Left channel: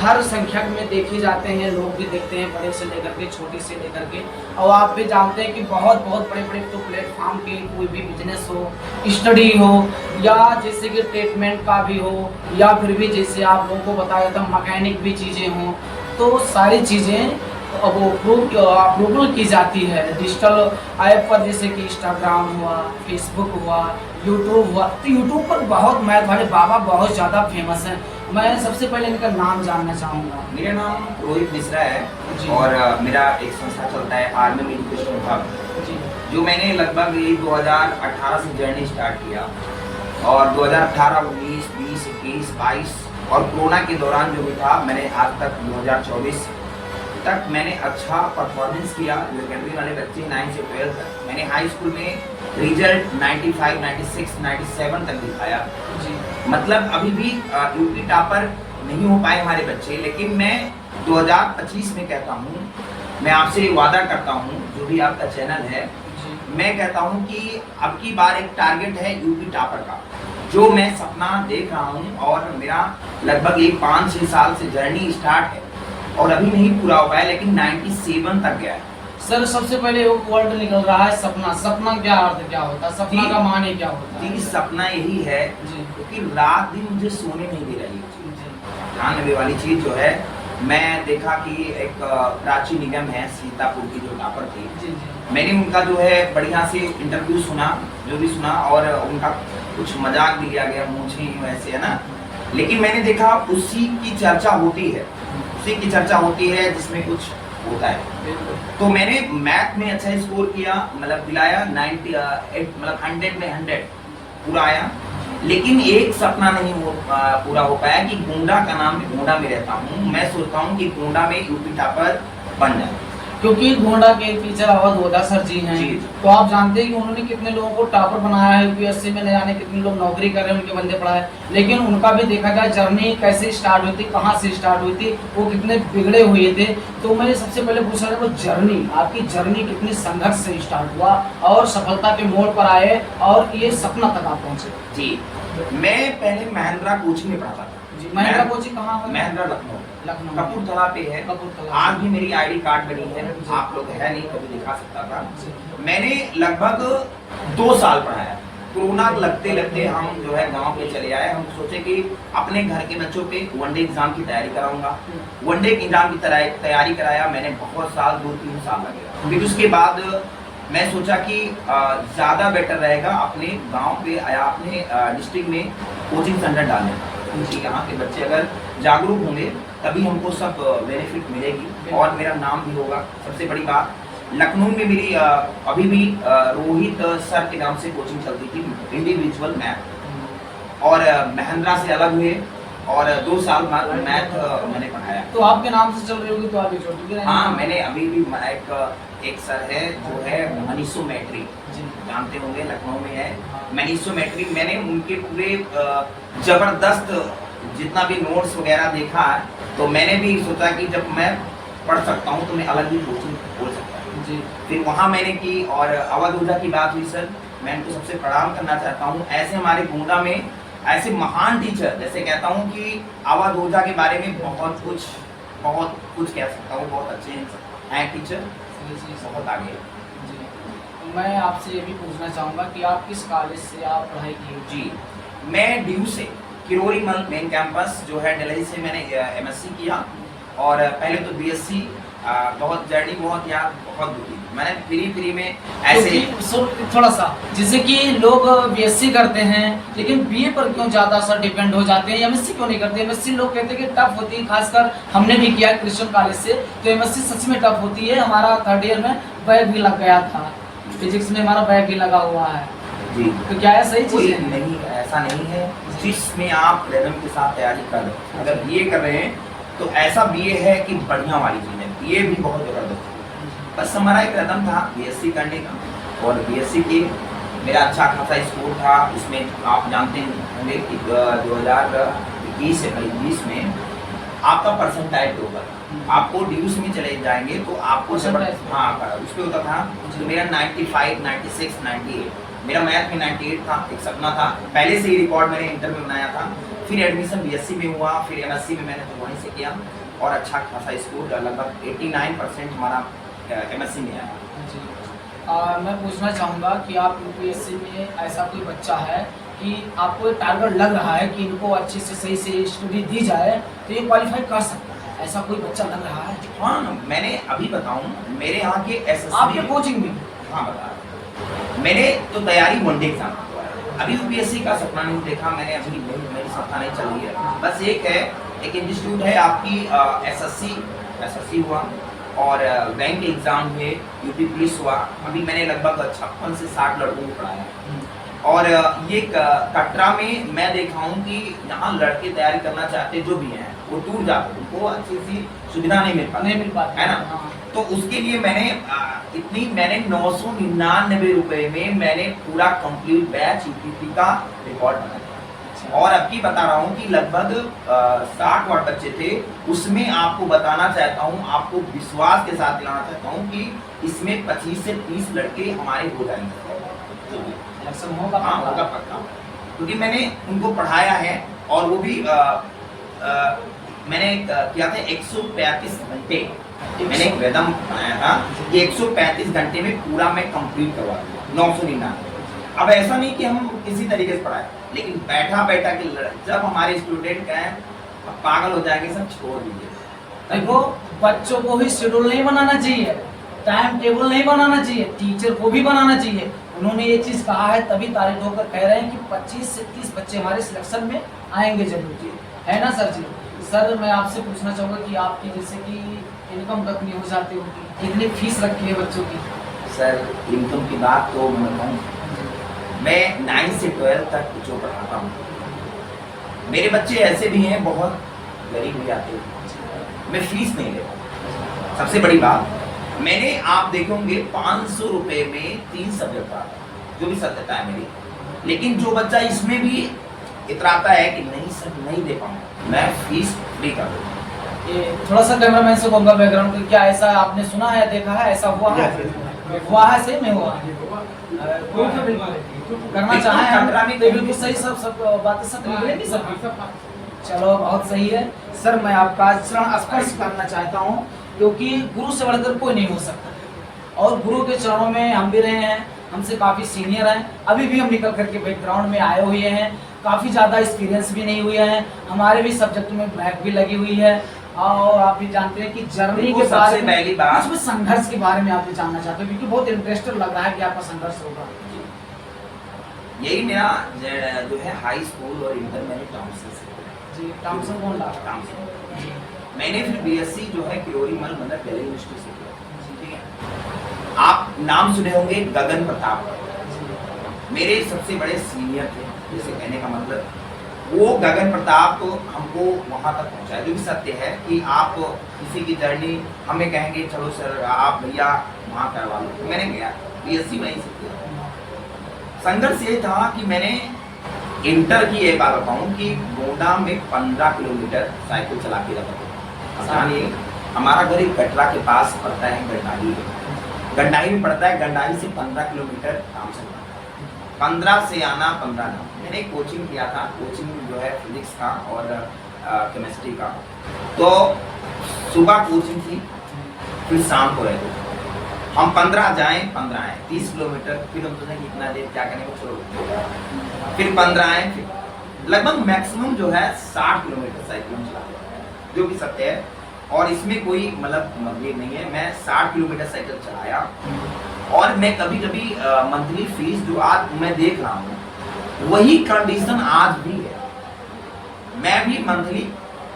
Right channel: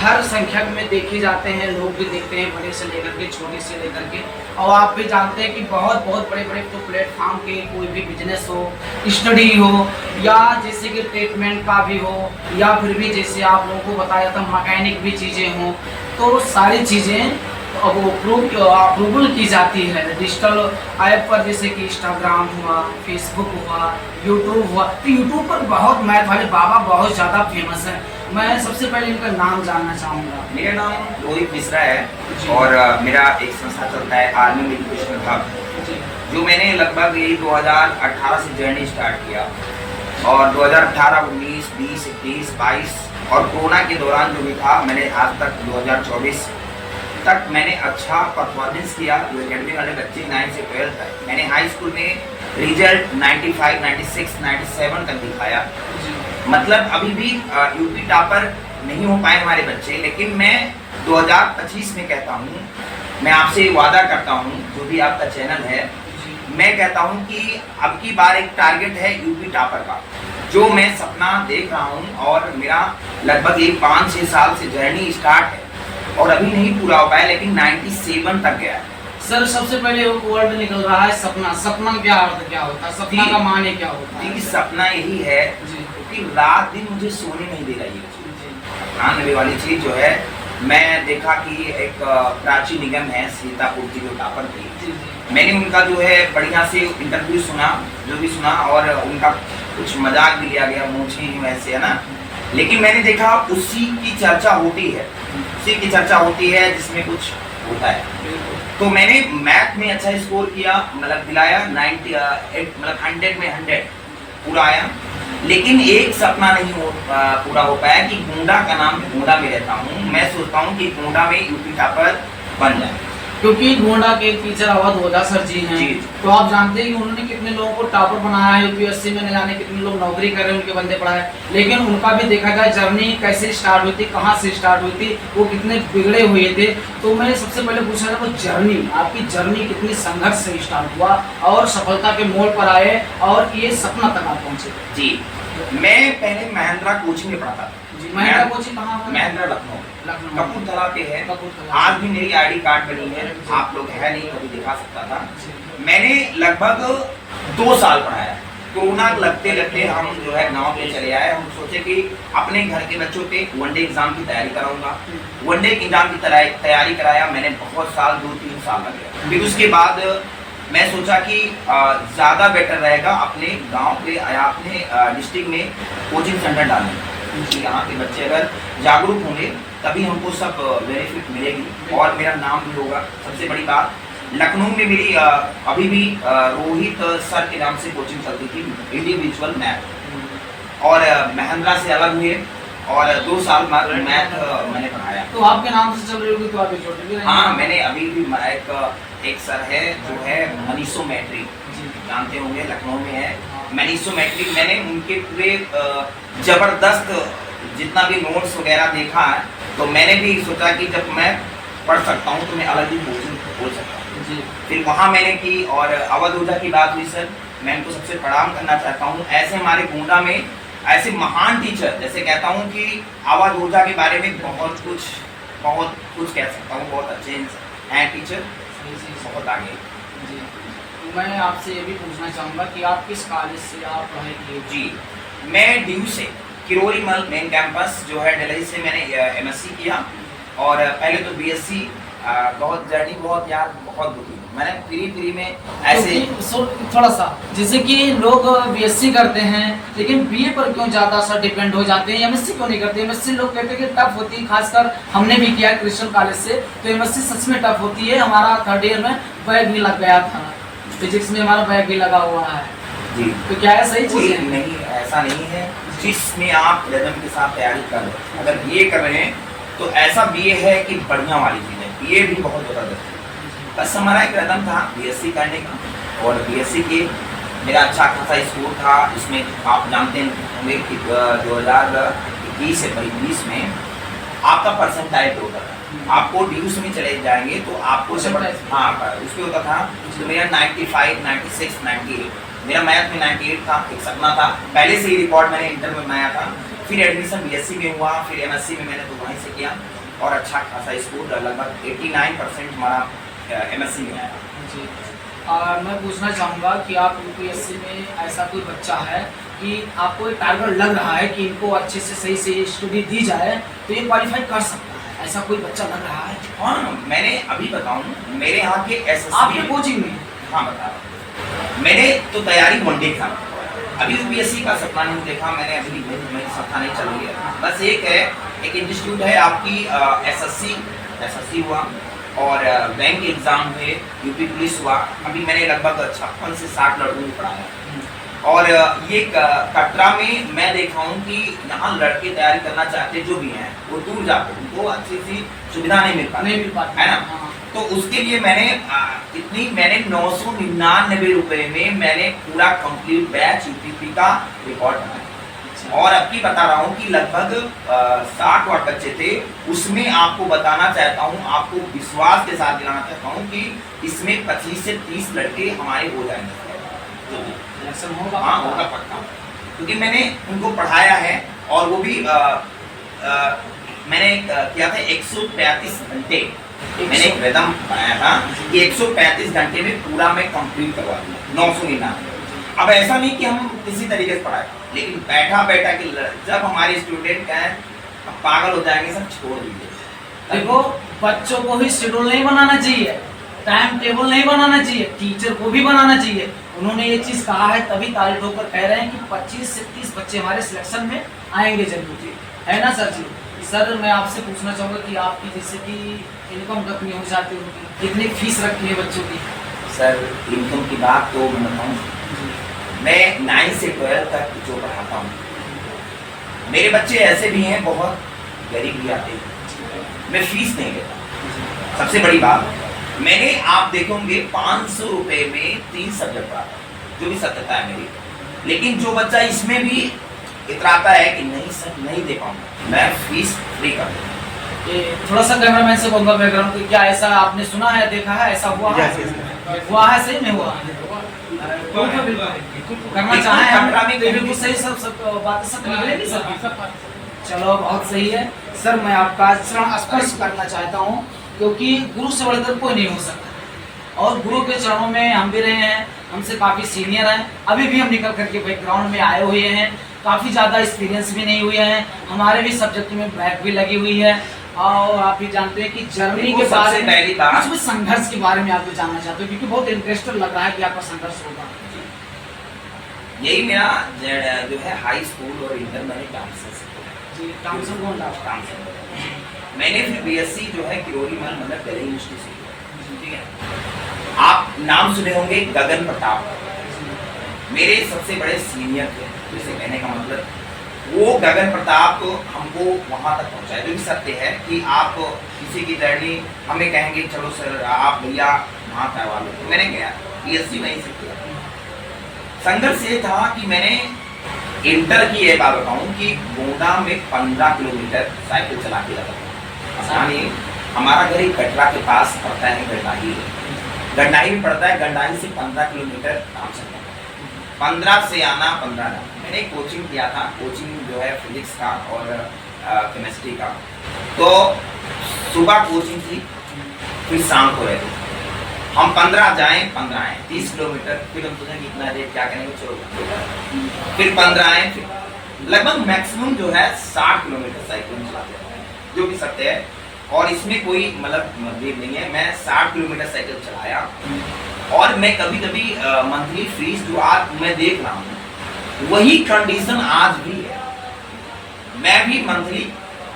हर संख्या में देखे जाते हैं, लोग भी देखते हैं, बड़े से लेकर के छोटे से लेकर के। और आप भी जानते हैं कि बहुत बहुत बड़े बड़े तो प्लेटफॉर्म के कोई भी बिजनेस हो, स्टडी हो, या जैसे कि ट्रीटमेंट का भी हो, या फिर भी जैसे आप लोगों को बताया था मैकेनिक भी चीज़ें हों, तो सारी चीज़ें अब अप्रूवल की जाती है डिजिटल ऐप पर, जैसे कि इंस्टाग्राम हुआ, फेसबुक हुआ, यूट्यूब हुआ। तो यूट्यूब पर बहुत मैथ वाले बाबा बहुत ज़्यादा फेमस हैं। मैं सबसे पहले इनका नाम जानना चाहूँगा। मेरा नाम रोहित मिश्रा है और मेरा एक संस्था चलता है आर्मी एजुकेशन हब, जो मैंने लगभग यही 2018 से जर्नी स्टार्ट किया। और 2018, 19, 20, 21, 22 और कोरोना के दौरान जो भी था, मैंने आज तक 2024 तक मैंने अच्छा परफॉर्मेंस किया। जो अकेडमी वाले बच्चे 9 से 12 तक, मैंने हाई स्कूल में रिजल्ट 95, 96, 97 तक दिखाया। मतलब अभी भी यूपी टॉपर नहीं हो पाए हमारे बच्चे, लेकिन मैं 2025 में कहता हूँ, मैं आपसे वादा करता हूँ, जो भी आपका चैनल है, मैं कहता हूँ कि अब की बार एक टारगेट है यूपी टॉपर का, जो मैं सपना देख रहा हूँ। और मेरा लगभग एक 5-6 साल से जर्नी स्टार्ट है और अभी नहीं पूरा हो पाया, लेकिन 97 तक गया। सर सबसे पहले वर्ड निकल रहा है सपना। सपना क्या अर्थ क्या होता है? सपना का माने क्या होता है? सपना यही है कि रात दिन मुझे सोने नहीं दे रही है। ध्यान देने वाली चीज जो है, मैं देखा कि एक प्राची निगम है सीतापुर की, जो टॉपर थी, मैंने उनका जो है बढ़िया से इंटरव्यू सुना, जो भी सुना, और उनका कुछ मजाक भी लिया गया, मूछे वैसे है ना, लेकिन मैंने देखा उसी की चर्चा होती है, उसी की चर्चा होती है जिसमें कुछ होता है। तो मैंने मैथ में अच्छा स्कोर किया, मतलब दिलाया 98, मतलब 100 में 100 पूरा आया। लेकिन एक सपना नहीं पूरा हो पाया कि गोंडा का नाम, गोंडा में रहता हूँ, मैं सोचता हूँ कि गोंडा में यूपी टॉपर बन जाए, क्योंकि गोंडा के टीचर अवध ओझा सर जी हैं। तो आप जानते हैं कि उन्होंने कितने लोगों को टॉपर बनाया है यूपीएससी में, न जाने कितने लोग नौकरी कर रहे हैं, उनके बंदे पढ़ाए। लेकिन उनका भी देखा जाए जर्नी कैसे स्टार्ट हुई थी, कहाँ से स्टार्ट हुई थी, वो कितने बिगड़े हुए थे। तो मैंने सबसे पहले पूछा था वो जर्नी, आपकी जर्नी कितनी संघर्ष से स्टार्ट हुआ और सफलता के मोड़ पर आए और ये सपना तक आप पहुँचे? जी, मैं पहले महिंद्रा कोचिंग में पढ़ा था। महिंद्रा कोचिंग कहाँ है? महिंद्रा लखनऊ, कपूरथला पे है। आज भी मेरी आईडी कार्ड बनी है, आप लोग है नहीं तो भी दिखा सकता था। मैंने लगभग 2 साल पढ़ाया। कोरोना लगते लगते हम जो है गांव पे चले आए। हम सोचे कि अपने घर के बच्चों पे वनडे एग्जाम की तैयारी कराऊंगा। वनडे एग्जाम की तैयारी कराया मैंने, बहुत साल, 2-3 साल लगे। फिर उसके बाद मैं सोचा कि ज़्यादा बेटर रहेगा अपने गांव पे या अपने डिस्ट्रिक्ट में कोचिंग सेंटर डालें, क्योंकि यहाँ के बच्चे अगर जागरूक होंगे तभी हमको सब बेनिफिट मिलेगी और मेरा नाम भी होगा। सबसे बड़ी बात, लखनऊ में मेरी अभी भी रोहित सर के नाम से कोचिंग चलती थी, इंडिविजुअल मैथ, और महिंद्रा से अलग हुए और 2 साल बाद मैथ मैंने पढ़ाया। तो आपके नाम से चल रही होगी, तो आप छोटे भी? हाँ, मैंने अभी भी एक सर है जो है मनीषो मैट्रिक, जानते होंगे, लखनऊ में है मनीषो मैट्रिक। मैंने उनके पूरे जबरदस्त जितना भी नोट्स वगैरह देखा है, तो मैंने भी सोचा कि जब मैं पढ़ सकता हूँ तो मैं अलग ही कोचिंग खोल सकता हूँ। फिर वहाँ मैंने की, और अवध ओझा की बात हुई सर, मैं इनको सबसे प्रणाम करना चाहता हूँ। ऐसे हमारे गोंडा में ऐसे महान टीचर, जैसे कहता हूँ कि अवध ओझा के बारे में बहुत कुछ कह सकता हूँ, बहुत अच्छे हैं टीचर, बहुत आगे। मैं आपसे ये भी पूछना चाहूँगा कि आप किस कॉलेज से आप पढ़ाई किए? जी, मैं ड्यू से, किरोरी मल मेन कैंपस जो है दिल्ली से, मैंने एमएससी किया। और पहले तो बीएससी, बहुत जर्नी, बहुत यार, बहुत दुखी मैंने फ्री में ऐसे। थोड़ा सा, जैसे कि लोग बीएससी करते हैं लेकिन बीए पर क्यों ज़्यादा सा डिपेंड हो जाते हैं, एमएससी क्यों नहीं करते? एमएससी लोग कहते हैं कि टफ होती है, खासकर हमने भी किया क्रिश्चियन कॉलेज से, तो एमएससी सच में टफ होती है। हमारा 3rd ईयर में बैग भी लग गया था, फिजिक्स में हमारा बैग भी लगा हुआ है जी। तो क्या है सही चीज़ है? नहीं, ऐसा नहीं है। जिसमें आप रिदम के साथ तैयारी कर रहे हैं, अगर बीए कर रहे हैं तो ऐसा बीए है कि बढ़िया वाली चीज़ है, बीए भी बहुत ज़बरदस्त है। बस हमारा एक कदम था बीएससी करने का, और बीएससी के मेरा अच्छा खासा स्कोर था। इसमें आप जानते होंगे कि 2021 से 20 में आपका परसेंटाइल होता था। आपको ड्यूस में चले जाएंगे तो आपको हाँ उस पर होता था। तो मेरा 95, 96, 98, मेरा मैथ में 98 था। एक सपना था, पहले से ही रिकॉर्ड मैंने इंटर में बनाया था। फिर एडमिशन बीएससी में हुआ, फिर एमएससी में मैंने तो वहीं से किया और अच्छा खासा स्कोर लगभग 89% हमारा एमएससी में आया। जी मैं पूछना चाहूँगा कि आप यूपीएससी में ऐसा कोई बच्चा है कि आपको एक टारगेट लग रहा है कि इनको अच्छे से सही से स्टडी दी जाए तो ये क्वालिफाई कर सकता है, ऐसा कोई बच्चा लग रहा है? हाँ, मैंने अभी बताऊँ मेरे यहाँ के एसएससी आपके कोचिंग में? हाँ बता रहा हूँ। मैंने तो तैयारी वनडे एग्जाम की, अभी यूपीएससी का सपना नहीं देखा मैंने, अभी मेरी संस्था नहीं चल रही है। बस एक इंस्टीट्यूट है आपकी एसएससी हुआ और बैंक एग्जाम हुए, यूपी पुलिस हुआ। अभी मैंने लगभग 56 से 60 लड़कों को पढ़ाया और ये कटरा में मैं देखा हूँ कि यहाँ लड़के तैयारी करना चाहते जो भी हैं वो दूर जाते हैं, उनको अच्छी सी सुविधा नहीं मिल पाती है ना। हाँ। तो उसके लिए मैंने 999 रुपए में मैंने पूरा कंप्लीट बैच यूपीपी का रिकॉर्ड बनाया और अब की बता रहा हूँ कि लगभग 60 वाट बच्चे थे। उसमें आपको बताना चाहता हूँ, आपको विश्वास के साथ दिलाना चाहता हूँ कि इसमें 25 से 30 लड़के हमारे हो जाएंगे। हाँ होगा पक्का, क्योंकि मैंने उनको पढ़ाया है और वो भी मैंने किया था 135 घंटे मैंने एक रिदम बनाया था कि 135 घंटे में पूरा मैं कंप्लीट करवा दिया 999। अब ऐसा नहीं कि हम किसी तरीके से पढ़ाए, लेकिन बैठा कि जब हमारे स्टूडेंट कहें पागल हो जाएंगे सब छोड़ दीजिए। देखो बच्चों को भी शेड्यूल नहीं बनाना चाहिए, टाइम टेबल नहीं बनाना चाहिए, टीचर को भी बनाना चाहिए। उन्होंने ये चीज़ कहा है तभी तारीफ होकर कह रहे हैं कि 25 से 30 बच्चे हमारे सिलेक्शन में आएंगे जरूर, है ना सर जी? सर मैं आपसे पूछना चाहूँगा कि आपकी जैसे कि इनकम कितनी हो जाती होगी, कितनी फीस रखती है बच्चों की? सर इनकम की बात तो मैं बताऊँ, मैं 9 से 12 तक जो पढ़ाता हूँ, मेरे बच्चे ऐसे भी हैं बहुत गरीब भी आते हैं, मैं फीस नहीं लेता। सबसे बड़ी बात, मैंने आप देखोगे 500 रुपए में 3 सब्जेक्ट पढ़ाता, जो भी सत्यता है मेरी। लेकिन जो बच्चा इसमें भी इतराता है कि नहीं सर नहीं दे पाऊंगा, मैं फीस फ्री कर दूँगा। ये थोड़ा सा कैमरामैन से बोलूँगा बैकग्राउंड तो क्या ऐसा आपने सुना है, देखा है, ऐसा हुआ है? हुआ है, सही में हुआ करना चाहे हम बिल्कुल सही, सब बातें सब निकलेगी सर। चलो बहुत सही है सर। मैं आपका चरण स्पर्श करना चाहता हूँ क्योंकि गुरु से बढ़कर कोई नहीं हो सकता और गुरु के चरणों में हम भी रहे हैं, हमसे काफ़ी सीनियर हैं, अभी भी हम निकल करके बैकग्राउंड में आए हुए हैं, काफ़ी ज़्यादा एक्सपीरियंस भी नहीं हुए हैं, हमारे भी सब्जेक्ट में बैक भी लगी हुई है और आप भी जानते हैं कि जर्मनी के बारे में कुछ संघर्ष के बारे में आपको जानना चाहते हो क्योंकि बहुत इंटरेस्टिंग लग रहा है कि आपका संघर्ष होगा। यही मेरा जो है हाई स्कूल और इंटर मैंने टाउनशिप से जी, टाउनशिप कौन रहा? मैंने फिर बीएससी जो है किरोरी मल मतलब दिल्ली यूनिवर्सिटी से किया, ठीक है। आप नाम सुने होंगे गगन प्रताप, मेरे सबसे बड़े सीनियर थे, जैसे कहने का मतलब वो गगन प्रताप हमको वहाँ तक पहुँचाए। जो भी सत्य है कि आप किसी की जर्नी हमें कहेंगे चलो सर आप भैया वहाँ करवा लो, तो मैंने गया बीएससी वहीं से किया। संघर्ष ये था कि मैंने इंटर की ये बात बताऊँ कि गोंडा में 15 किलोमीटर साइकिल चला के जाता था। हमारा घर एक कटरा के पास पड़ता है, गंडाही में पड़ता है, गंडाही से 15 किलोमीटर काम से 15 से आना 15 ना। मैंने कोचिंग किया था, कोचिंग जो है फिजिक्स का और केमिस्ट्री का। तो सुबह कोचिंग थी, फिर शाम को रहते थे हम, 15 जाएं 15 आए, 30 किलोमीटर। फिर हम सोचें इतना देर क्या करेंगे, चलो फिर 15 आए, फिर लगभग मैक्सिमम जो है 60 किलोमीटर साइकिल चलाते हैं, जो भी सत्य है और इसमें कोई मतलब मतभेद नहीं है। मैं 60 किलोमीटर साइकिल चलाया और मैं कभी कभी मंथली फीस जो आज मैं देख रहा हूँ वही कंडीशन आज भी है। मैं भी मंथली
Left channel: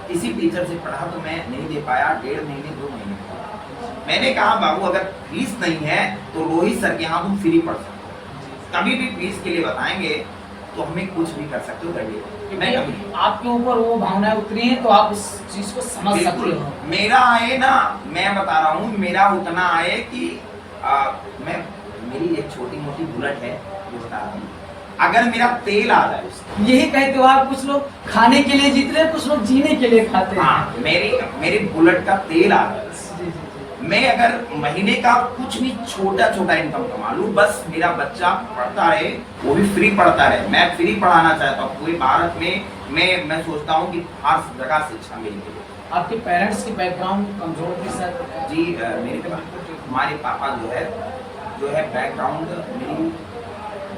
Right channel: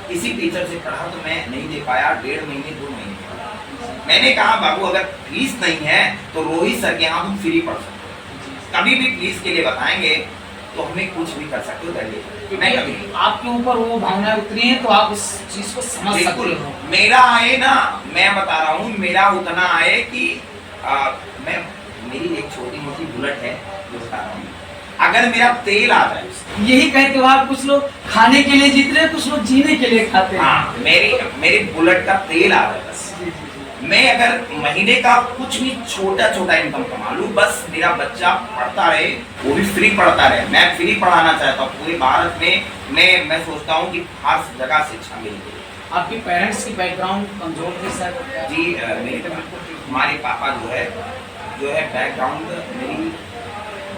किसी टीचर से पढ़ा तो मैं नहीं दे पाया, 1.5 महीने 2 महीने मैंने कहा बाबू अगर फीस नहीं है तो रोहित सर के यहाँ तुम फ्री पढ़ सकते हो, कभी भी फीस के लिए बताएंगे तो हमें कुछ भी कर सकते हो दर्जे। मैं कभी आपके ऊपर वो भावनाएं उतरी हैं तो आप इस चीज को समझ सकते हो। मेरा आए ना, मैं बता रहा हूँ मेरा उतना आए कि मेरी एक छोटी मोटी बुलेट है जो बता रहा हूँ, अगर मेरा तेल आ जाए, यही कहते हो आप, कुछ लोग खाने के लिए जीते हैं, कुछ लोग जीने के लिए खाते हैं। हाँ, मेरी बुलेट का तेल आ जाए, मैं अगर महीने का कुछ भी छोटा छोटा इनकम कमा लूं, बस मेरा बच्चा पढ़ता रहे, वो भी फ्री पढ़ता रहे। मैं फ्री पढ़ाना चाहता हूँ पूरे भारत में। मैं सोचता हूँ कि हर जगह शिक्षा मिल रही है। आपके पेरेंट्स की बैकग्राउंड कमजोर थी सर? जी हमारे पापा जो है बैकग्राउंड मेरी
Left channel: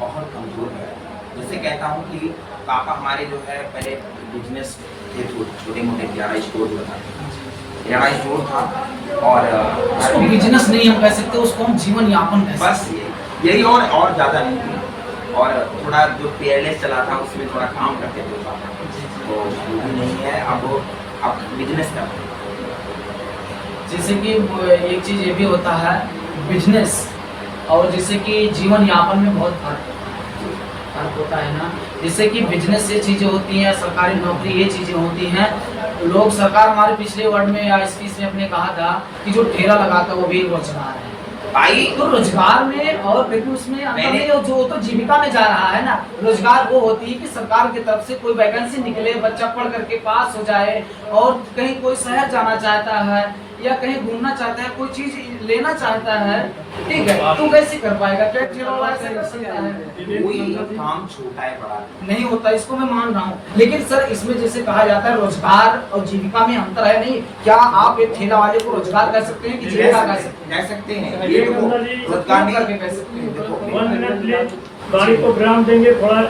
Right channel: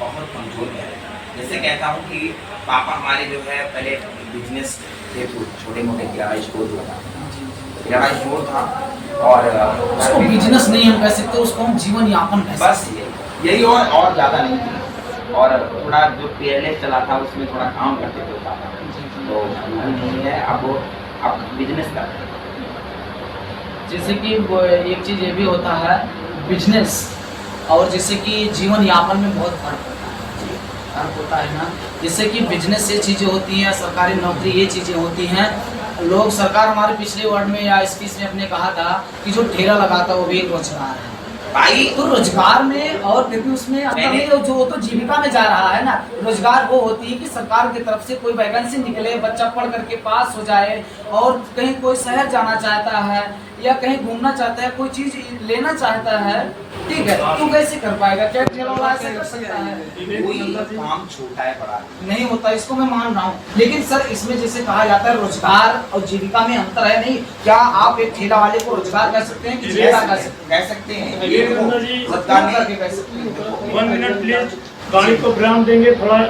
बहुत कमजोर है। जैसे कहता हूँ कि पापा हमारे जो है पहले बिजनेस थे, छोटे मोटे किराना स्टोर जो था, किराना स्टोर था। और उसको बिजनेस नहीं हम कह सकते, उसको हम जीवन यापन कह सकते। बस यही और ज़्यादा नहीं थी। और थोड़ा जो पेयरलेस चला था उसमें थोड़ा काम करते थे पापा, तो वो भी नहीं है। अब बिजनेस करते हैं। जैसे कि एक चीज़ ये भी होता है बिजनेस और जैसे कि जीवन यापन में बहुत फर्क होता है ना। जैसे कि बिजनेस ये चीज़ें होती हैं, सरकारी नौकरी ये चीज़ें होती हैं। लोग सरकार हमारे पिछले वर्ड में या स्पीच में अपने कहा था कि जो ठेला लगाता है वो भी रोजगार है भाई। तो रोजगार में और फिर भी उसमें अंतर नहीं है, जो तो जीविका में जा रहा है ना। रोजगार वो होती है कि सरकार की तरफ से कोई वैकेंसी निकले, बच्चा पढ़ करके पास हो जाए और कहीं कोई शहर जाना चाहता है या कहीं घूमना चाहता है, कोई चीज लेना चाहता है, ठीक है, तो कैसे कर पाएगा? क्या ठेला वाला ऐसे कर सकता है? कोई काम छोटा है बड़ा नहीं होता, इसको मैं मान रहा हूँ। लेकिन सर इसमें जैसे कहा जाता है रोजगार और जीविका में अंतर है नहीं। क्या आप एक ठेला वाले को रोजगार कह सकते हैं कि जीविका कह सकते हैं? ये रोजगार नहीं कह सकते हैं। 1 मिनट प्लीज, गाड़ी को विराम देंगे, थोड़ा